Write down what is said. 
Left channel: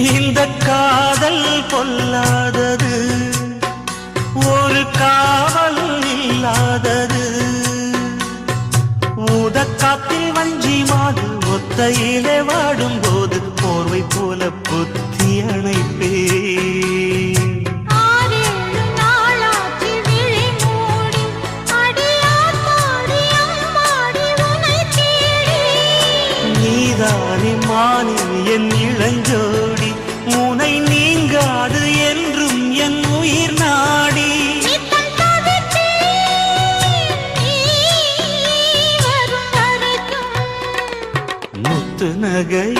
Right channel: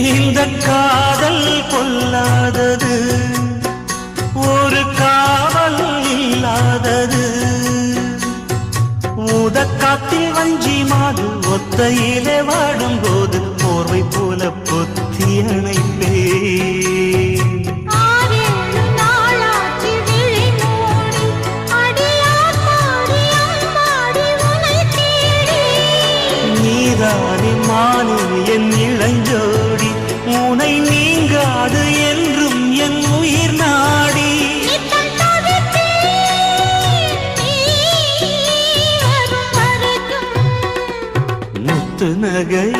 இந்த காதல் கொல்லாதது, ஒரு காவல் இல்லாதது. ஊதக்காத்தில் வஞ்சி மாது ஒத்தையிலே வாடும்போது போர்வை போல பொத்தி அணைப்பே. நீதானே மானே என் இளஞ்சோடி, உனை நீங்காது என்றும் என் உயிர் நாடி. முத்து நகை